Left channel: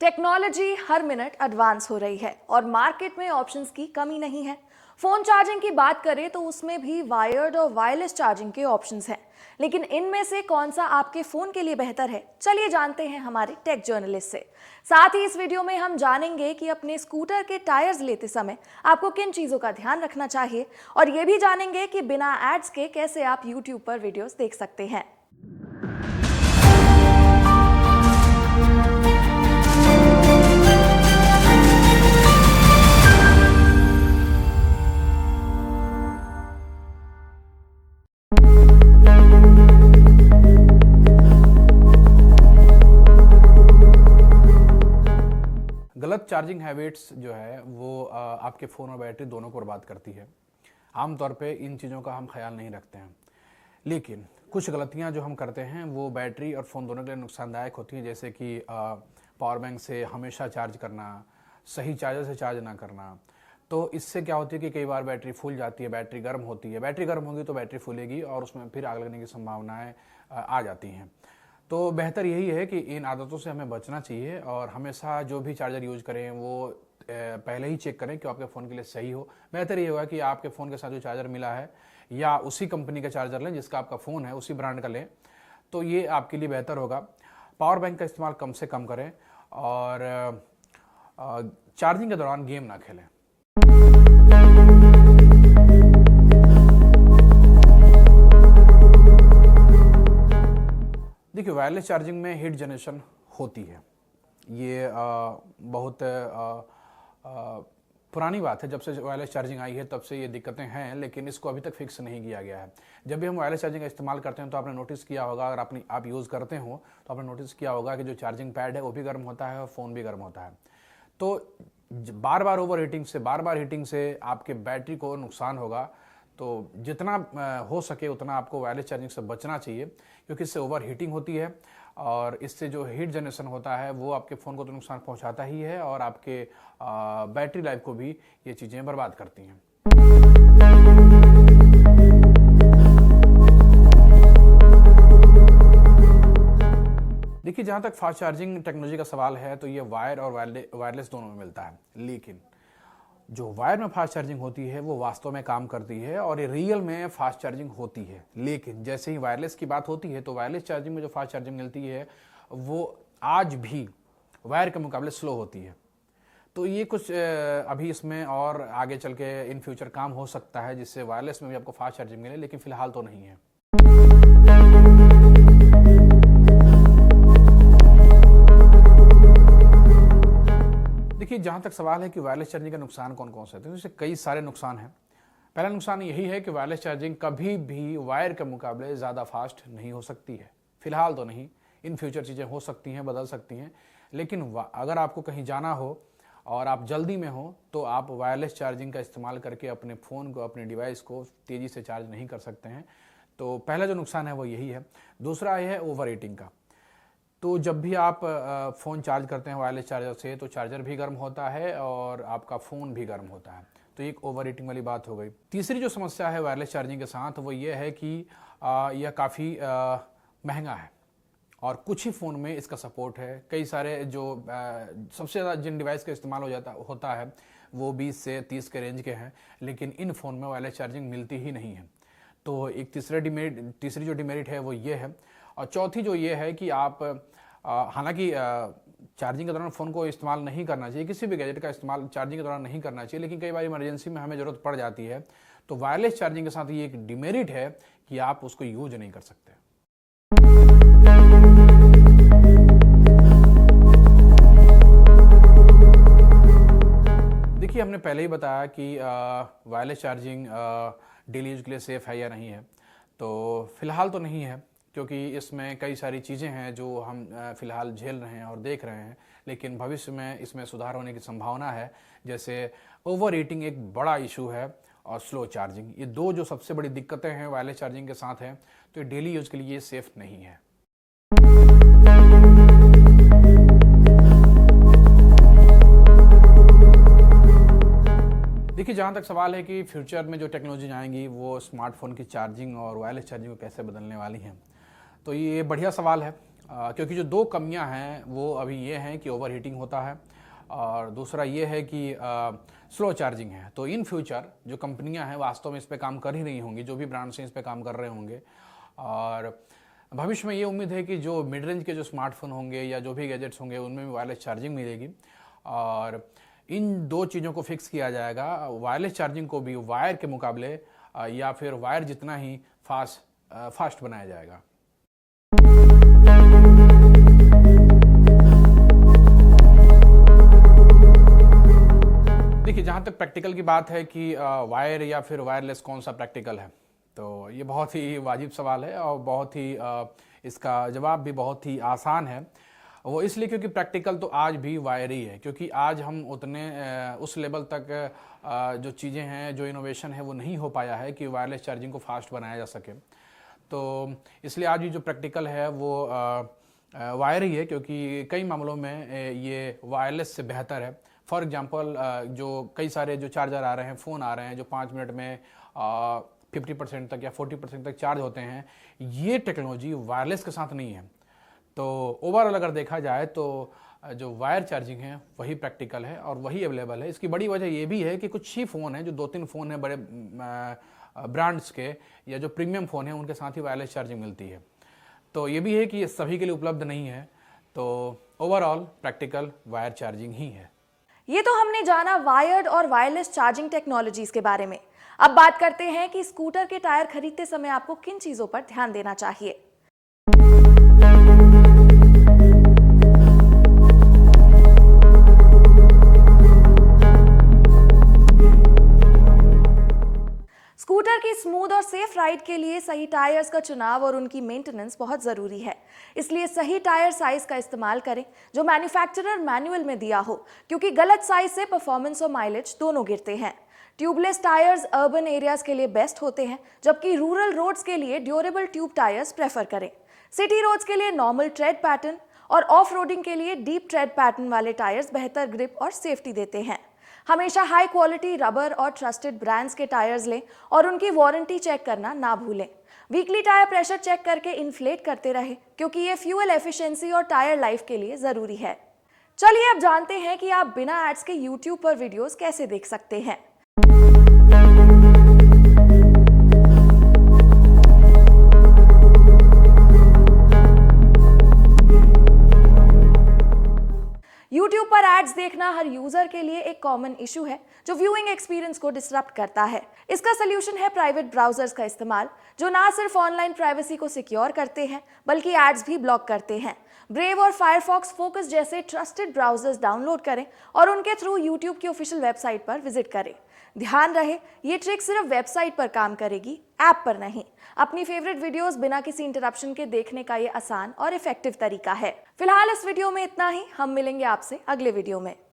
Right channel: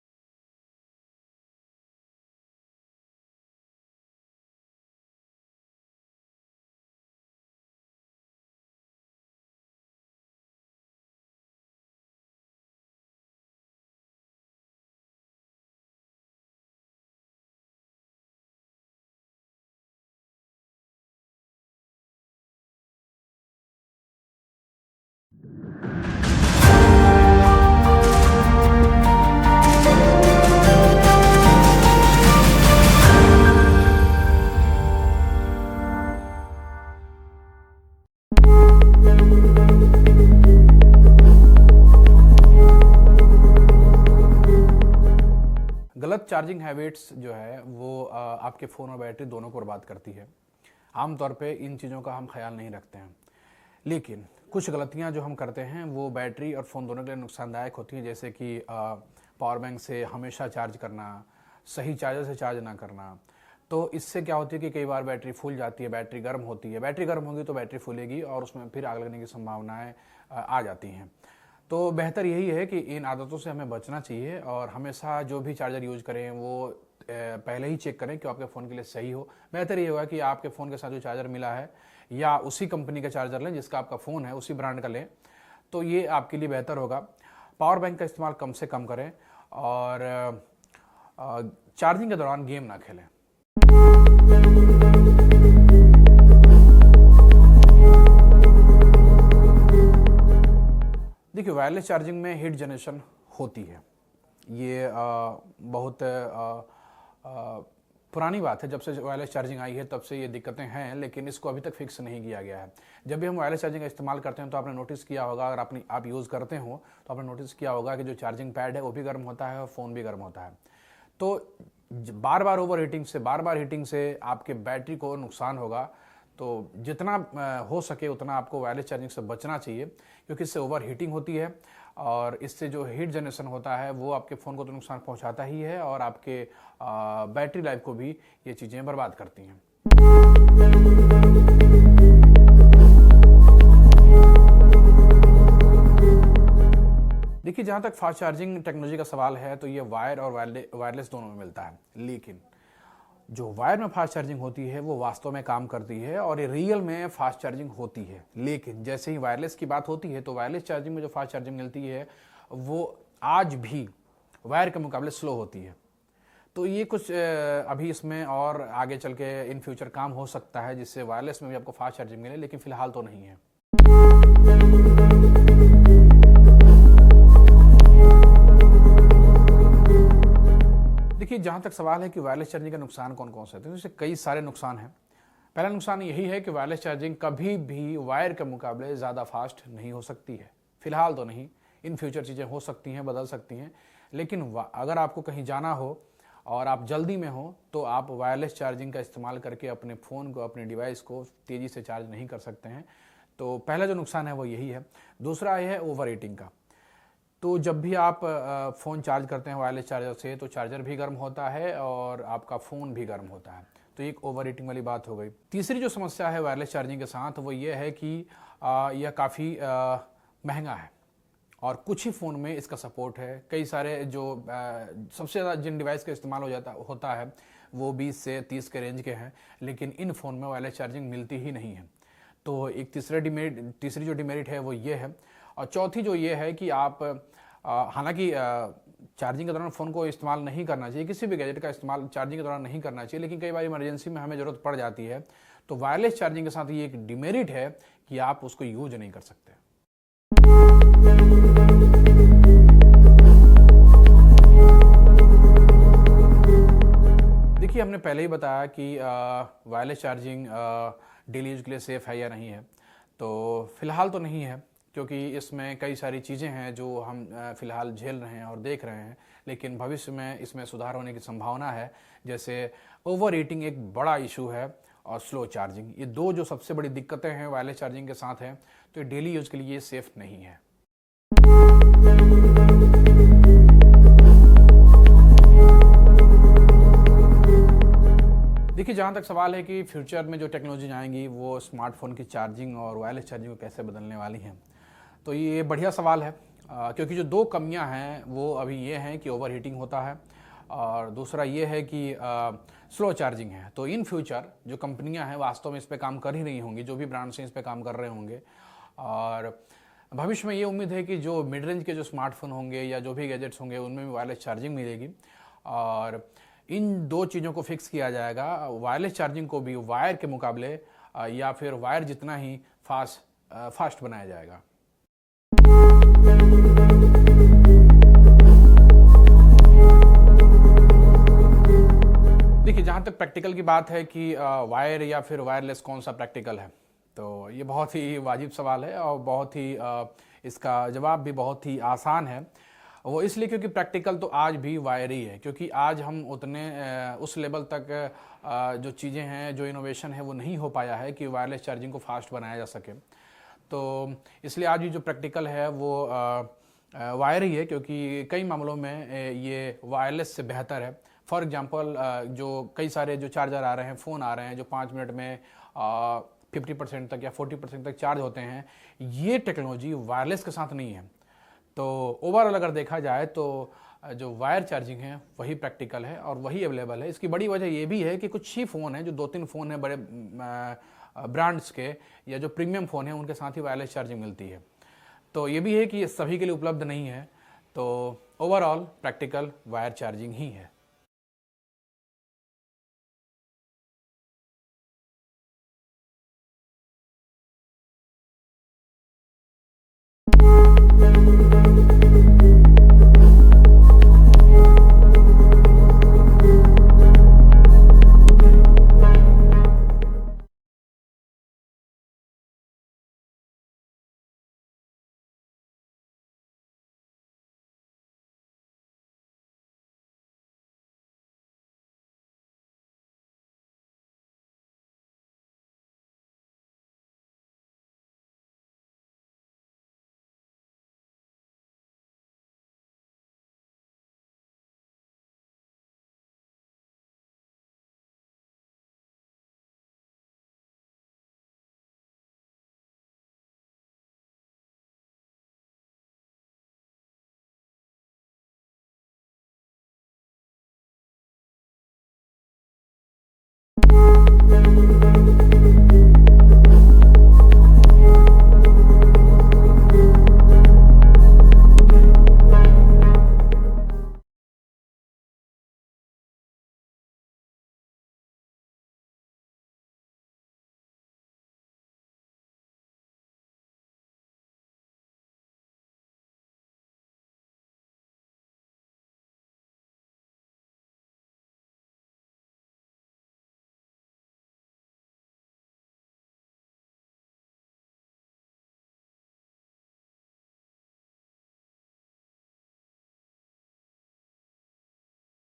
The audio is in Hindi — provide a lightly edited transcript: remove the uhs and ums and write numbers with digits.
टेक्नोलॉजी हर मिनट एडवांस हो रही है और मार्केट में ऑप्शंस की कमी नहीं है। फोन चार्जिंग की बात करें तो उसमें भी वायर्ड और वायरलेस चार्जिंग के ऑप्शंस हैं, लेकिन इनमें से कौन सा आपके फोन के लिए बेहतर है, चलिए जानते हैं हमारे टेक जर्नलिस्ट से। साथ ही इस वीडियो में हम जानेंगे कि अपने स्कूटर के टायर्स लेते समय आपको किन चीजों का ध्यान रखना चाहिए, और ये भी जानेंगे कि बिना एड्स के कैसे आप यूट्यूब पर वीडियोस देख सकते हैं। गलत चार्जिंग हैबिट्स जो है वो आपके फ़ोन और बैटरी दोनों को बर्बाद करती है। आमतौर पे इन चीज़ों का हम ख्याल नहीं रखते हैं, लेकिन कुछ गलतियां जो हम करते हैं वो बैटरी और फ़ोन दोनों के लिए नुकसानदायक होती हैं, जैसे कि पावर बैंक से हमेशा चार्ज करना, सही चार्जर से चार्ज ना करना। तो इससे क्या होती है कि कई बार बैटरी फूल जाती है, बैटरी गर्म होती है। बैटरी गर्म होगी तो बैटरी फूलेगी और उसमें फिर आग लगने की संभावनाएँ आ जाती हैं। तो बेहतर यही है कि इन आदतों से हमें बचना चाहिए और हमेशा जो भी चार्जर यूज करें वो पहले ही चेक करें कि आपके फ़ोन के लिए सही हो। बेहतर ये होगा कि आपके फ़ोन के साथ जो चार्जर मिला है या उसी कंपनी का चार्जर लें जिसका आपका फ़ोन है, उसी ब्रांड का लें, तो ये आपके लिए बेहतर होगा। पावर बैंक का इस्तेमाल कम से कम करें और चार्जिंग के दौरान गेम ना खेलें। देखिए, वायरलेस चार्जिंग में हीट जनरेशन होती है। ये बहुत पुरानी बात है। जब से वायरलेस चार्जिंग आई है तब से ये दिक्कतें हैं, लेकिन इसको अभी तक फिक्स नहीं किया गया है। जब भी हम वायरलेस चार्जिंग का इस्तेमाल करते हैं तो आपने नोटिस किया होगा, अगर आप यूज़ करते हो तो आपने नोटिस किया होगा कि जो चार्जिंग पैड है वो भी गर्म होता है और फ़ोन भी गर्म होता है। तो बार बार हीटिंग से आपके बैटरी को नुकसान होगा। तो जितना हो सके उतना आपको वायरलेस चार्जिंग से बचना चाहिए, क्योंकि इससे ओवर हीटिंग होती है और इससे जो हीट जनरेशन होता है वो आपके फ़ोन को तो नुकसान पहुंचाता ही है और आपके बैटरी लाइफ को भी ये चीज़ें बर्बाद करती हैं। देखिए, जहाँ तक फास्ट चार्जिंग टेक्नोलॉजी का सवाल है तो ये वायर और वायरलेस दोनों में मिलता है, लेकिन जो वायर में फास्ट चार्जिंग होती है वो वास्तव में काम करती है और ये रियल में फास्ट चार्जिंग होती है। लेकिन जैसे ही वायरलेस की बात होती है तो वायरलेस चार्जिंग में जो फास्ट चार्जिंग मिलती है वो आज भी वायर के मुकाबले स्लो होती है। तो ये कुछ अभी इसमें और आगे चल के इन फ्यूचर काम हो सकता है जिससे वायरलेस में भी आपको फास्ट चार्जिंग मिले, लेकिन फिलहाल तो नहीं है। देखिए, जहाँ तक सवाल है कि वायरलेस चार्जिंग का नुकसान कौन कौन से हैं, तो इससे कई सारे नुकसान हैं। पहला नुकसान यही है कि वायरलेस चार्जिंग कभी भी वायर के मुकाबले ज़्यादा फास्ट नहीं हो सकती है। फिलहाल तो नहीं, इन फ्यूचर चीज़ें हो सकती हैं, बदल सकती हैं, लेकिन अगर आपको कहीं जाना हो और आप जल्दी में हो तो आप वायरलेस चार्जिंग का इस्तेमाल करके अपने फ़ोन को, अपने डिवाइस को तेज़ी से चार्ज नहीं कर सकते हैं। तो पहला जो नुकसान है वो यही है। दूसरा ये है ओवर हीटिंग का। तो जब भी आप फ़ोन चार्ज करते हैं वायरलेस चार्जर से तो चार्जर भी गर्म होता है और आपका फ़ोन भी गर्म होता है। तो एक ओवर हीटिंग वाली बात हो गई। तीसरी जो समस्या है वायरलेस चार्जिंग के साथ वो ये है कि यह काफ़ी महंगा है और कुछ ही फ़ोन में इसका सपोर्ट है। कई सारे जो सबसे ज़्यादा जिन डिवाइस का इस्तेमाल होता है वो 20 से 30 के रेंज के हैं, लेकिन इन फ़ोन में वायरलेस चार्जिंग मिलती ही नहीं है। तो एक तीसरी जो डिमेरिट है वो ये है। और चौथी जो ये है कि आप हालांकि चार्जिंग के दौरान फ़ोन को इस्तेमाल नहीं करना चाहिए, किसी भी गैजेट का इस्तेमाल चार्जिंग के दौरान नहीं करना चाहिए, लेकिन कई बार इमरजेंसी में हमें ज़रूरत पड़ जाती है। तो वायरलेस चार्जिंग के साथ ये एक डिमेरिट है कि आप उसको यूज नहीं कर सकते। देखिए, हमने पहले ही बताया कि वायरलेस चार्जिंग डेली यूज के लिए सेफ़ है या नहीं है। तो फिलहाल तो नहीं है, क्योंकि इसमें कई सारी चीज़ें हैं जो हम फ़िलहाल झेल रहे हैं और देख रहे हैं, लेकिन भविष्य में इसमें सुधार होने की संभावना है। जैसे ओवर हीटिंग एक बड़ा इशू है और स्लो चार्जिंग, ये दो जो सबसे बड़ी दिक्कतें हैं वायरलेस चार्जिंग के साथ हैं। तो डेली यूज़ के लिए ये सेफ़ नहीं है। देखिए, जहाँ तक सवाल है कि फ्यूचर में जो टेक्नोलॉजी आएंगी वो स्मार्टफोन की चार्जिंग और वायरलेस चार्जिंग को कैसे बदलने वाली हैं, तो ये बढ़िया सवाल है क्योंकि जो दो कमियां हैं वो अभी ये हैं कि ओवर हीटिंग होता है और दूसरा ये है कि स्लो चार्जिंग है। तो इन फ्यूचर जो कंपनियां हैं वास्तव में इस पे काम कर ही रही होंगी, जो भी ब्रांड्स हैं इस पे काम कर रहे होंगे और भविष्य में ये उम्मीद है कि जो मिड रेंज के जो स्मार्टफोन होंगे या जो भी गैजेट्स होंगे उनमें भी वायरलेस चार्जिंग मिलेगी और इन दो चीज़ों को फिक्स किया जाएगा, वायरलेस चार्जिंग को भी वायर के मुकाबले या फिर वायर जितना ही फास्ट बनाया जाएगा। देखिए, जहाँ तक प्रैक्टिकल की बात है कि वायर या फिर वायरलेस कौन सा प्रैक्टिकल है, तो ये बहुत ही वाजिब सवाल है और बहुत ही इसका जवाब भी बहुत ही आसान है। वो इसलिए क्योंकि प्रैक्टिकल तो आज भी वायर ही है, क्योंकि आज हम उतने उस लेवल तक जो चीज़ें हैं, जो इनोवेशन है वो नहीं हो पाया है कि वायरलेस चार्जिंग को फास्ट बनाया जा सके। तो इसलिए आज भी जो प्रैक्टिकल है वो वायर ही है, क्योंकि कई मामलों में ये वायरलेस से बेहतर है। फॉर एग्जांपल जो कई सारे जो चार्जर आ रहे हैं, फ़ोन आ रहे हैं जो 5 मिनट में 50% तक या 40% तक चार्ज होते हैं, ये टेक्नोलॉजी वायरलेस के साथ नहीं है। तो ओवरऑल अगर देखा जाए तो जो वायर चार्जिंग है वही प्रैक्टिकल है और वही अवेलेबल है। इसकी बड़ी वजह ये भी है कि कुछ ही फ़ोन हैं, जो 2-3 फ़ोन हैं बड़े ब्रांड्स के या जो प्रीमियम फ़ोन हैं, उनके साथ ही वायरलेस चार्जिंग मिलती है। तो ये भी है कि ये सभी के लिए उपलब्ध नहीं है। तो ओवरऑल प्रैक्टिकल वायर चार्जिंग ही है। ये तो हमने जाना वायर्ड और वायरलेस चार्जिंग टेक्नोलॉजीज के बारे में। अब बात करते हैं कि स्कूटर के टायर खरीदते समय आपको किन चीजों पर ध्यान देना चाहिए। स्कूटर की स्मूथ और सेफ राइड के लिए सही टायर्स का चुनाव और उनकी मेंटेनेंस बहुत जरूरी है। इसलिए सही टायर साइज का इस्तेमाल करें जो मैन्युफैक्चरर मैनुअल में दिया हो, क्योंकि गलत साइज से परफॉर्मेंस और माइलेज दोनों गिरते हैं। ट्यूबलेस टायर्स अर्बन एरियाज के लिए बेस्ट होते हैं, जबकि रूरल रोड्स के लिए ड्यूरेबल ट्यूब टायर्स प्रेफर करें। सिटी रोड्स के लिए नॉर्मल ट्रेड पैटर्न और ऑफ रोडिंग के लिए डीप ट्रेड पैटर्न वाले टायर्स बेहतर ग्रिप और सेफ्टी देते हैं। हमेशा हाई क्वालिटी रबर और ट्रस्टेड ब्रांड्स के टायर्स लें और उनकी वारंटी चेक करना ना भूलें। वीकली टायर प्रेशर चेक करके इन्फ्लेट करते रहें, क्योंकि ये फ्यूल एफिशिएंसी और टायर लाइफ के लिए जरूरी है। चलिए अब जानते हैं कि आप बिना एड्स के यूट्यूब पर वीडियोस कैसे देख सकते हैं। यूट्यूब पर एड्स देखना हर यूजर के लिए एक कॉमन इशू है जो व्यूइंग एक्सपीरियंस को डिसरप्ट करता है। इसका सलूशन है प्राइवेट ब्राउजर्स का इस्तेमाल, जो ना सिर्फ ऑनलाइन प्राइवेसी को सिक्योर करते हैं बल्कि एड्स भी ब्लॉक करते हैं। ब्रेव और फायरफॉक्स फोकस जैसे ट्रस्टेड ब्राउजर्स डाउनलोड करें और उनके थ्रू यूट्यूब की ऑफिशियल वेबसाइट पर विजिट करें। ध्यान रहे, ये ट्रिक सिर्फ वेबसाइट पर काम करेगी, ऐप पर नहीं। अपनी फेवरेट वीडियोस बिना किसी इंटरप्शन के देखने का ये आसान और इफेक्टिव तरीका है। फिलहाल इस वीडियो में इतना ही। हम मिलेंगे आपसे अगले वीडियो में।